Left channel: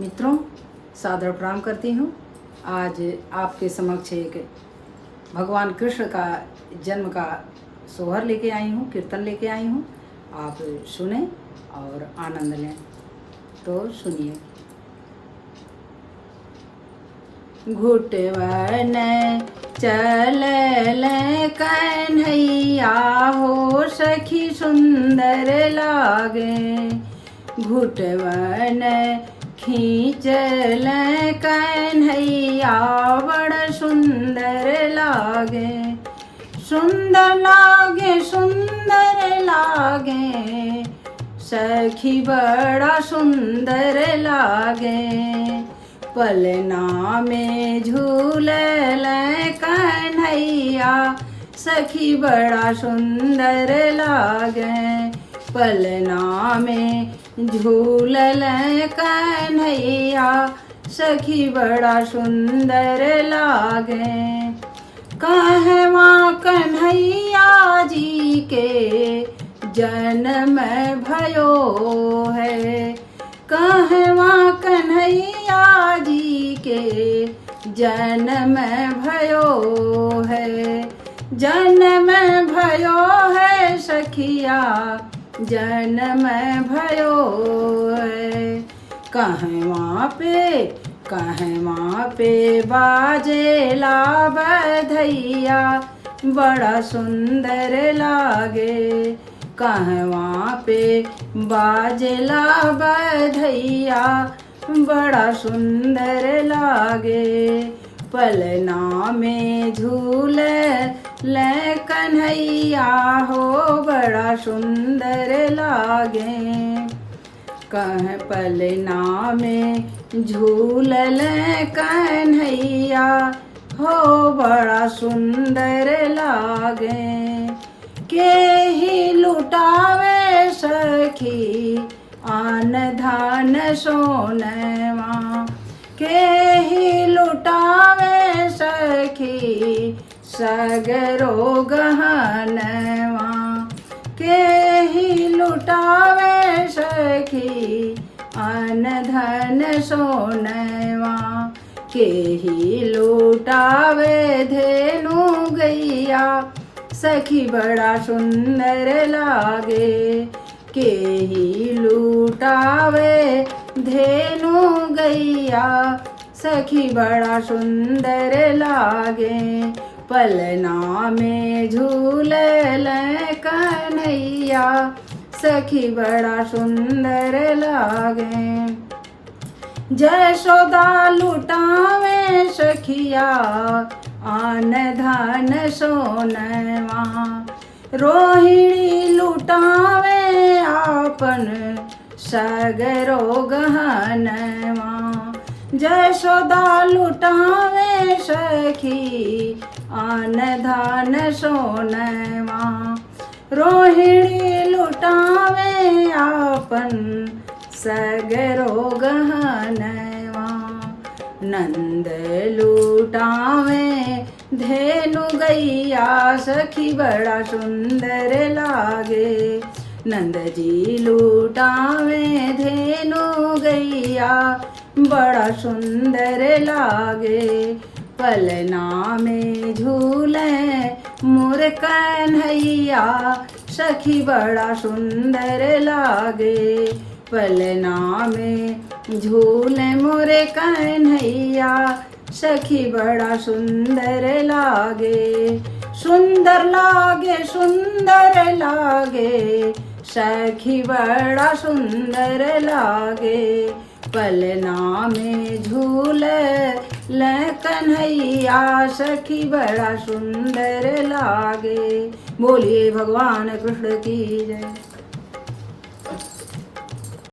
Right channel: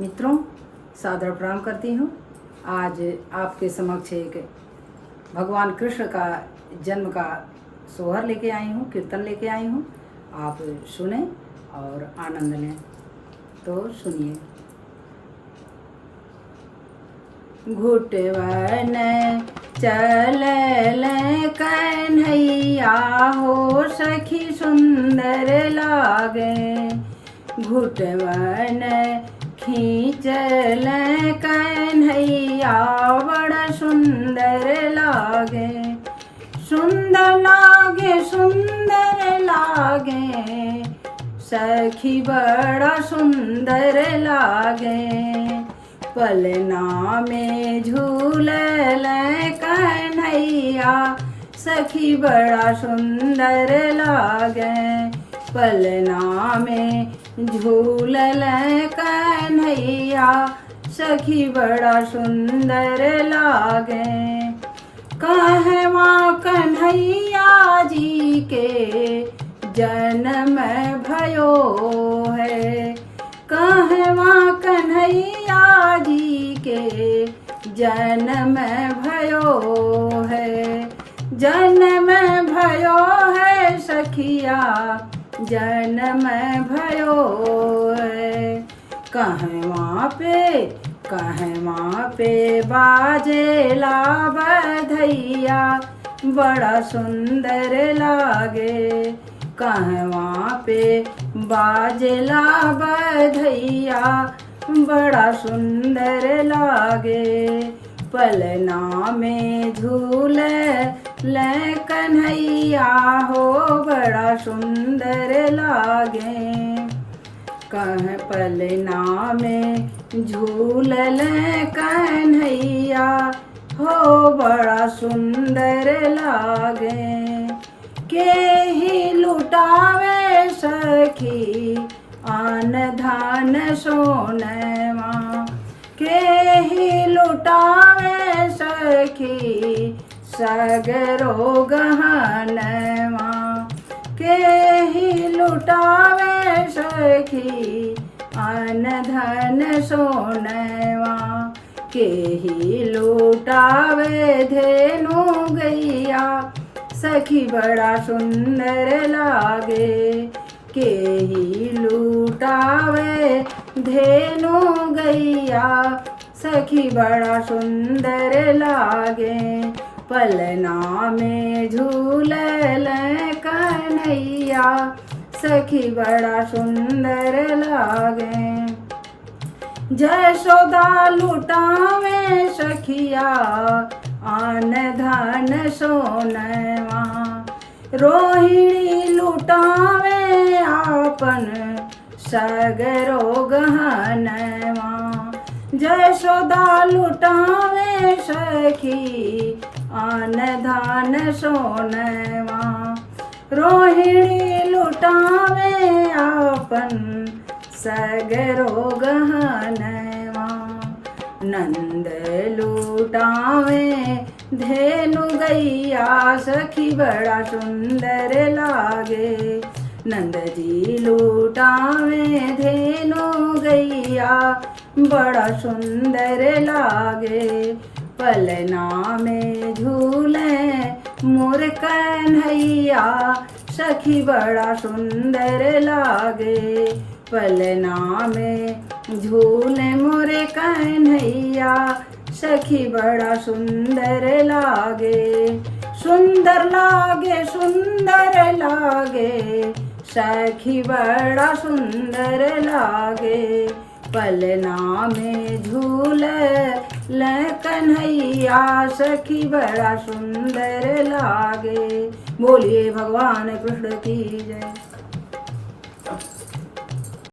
मित्रों, सादर प्रणाम करती हूँ। आज आपके समक्ष एक भगवान कृष्ण का जन्म का सोहर लेके आई हूँ, कीर्तन लेके आई हूँ। आप सुने और आनंद लें। तो सुनिए। घुटवन चलल कन्हैया हो, सखी सुंदर लागे। घुटवन खींचल कन्हैया, बड़ सुंदर लागे। सुंदर लागे, सुंदर लागे, सखी बड़ा सुंदर लागे। पलना में झूलल कन्हैया, सखी बड़ा सुंदर लागे। पलना में झूलल कन्हैया, सखी बड़ा सुंदर लागे। कहवा कन्हैया जी के जन्म भयो है, कहवा कन्हैया जी के जन्म भयो है। जन्म भयो है सखिया, जन्म भयो है। कहवा पे बाजेला बधैया, बड़ा सुंदर लागे। कहवा पे बाजेला बधैया, बड़ा सुंदर लागे। पलना में झूले कन्हैया हो, बड़ा सुंदर लागे। कह पलना में झूलल कन्हैया हो, बड़ा सुंदर लागे। के ही लुटावे सखी आन धान सोनवा, के ही लुटावे सखी सगरो गहनवा। के ही लुटावे सखी आन धन सोनवा, के ही लुटावे धेनु गैया, सखी बड़ा सुंदर लागे। के ही लुटावे धेनु गैया, सखी बड़ा सुंदर लागे। पलना में झूलल कन्हैया, सखी बड़ा सुंदर लागे। जयशोदा लुटावे सखिया आन धन सोनवा, रोहिणी लुटावे आपन सगरो गहनवा। जयशोदा लुटावे सखी आन धन सोनवा, रोहिणी लुटावे आपन सगरो गहनवा। नंद लुटावे धेनु गैया, सखी बड़ा सुंदर लागे। नंद जी लुटावे धेनु गैया, बड़ा सुंदर लागे। पलना में झूले मोर कन्हैया, सखी बड़ा सुंदर लागे। पलना में झूले मोरे कन्हैया, सखी बड़ा सुंदर लागे। सुंदर लागे, सुंदर लागे, सखी बड़ा सुंदर लागे। पलना में झूले कन्हैया, सखी बड़ा सुंदर लागे। बोलिए भगवान कृष्ण की जय।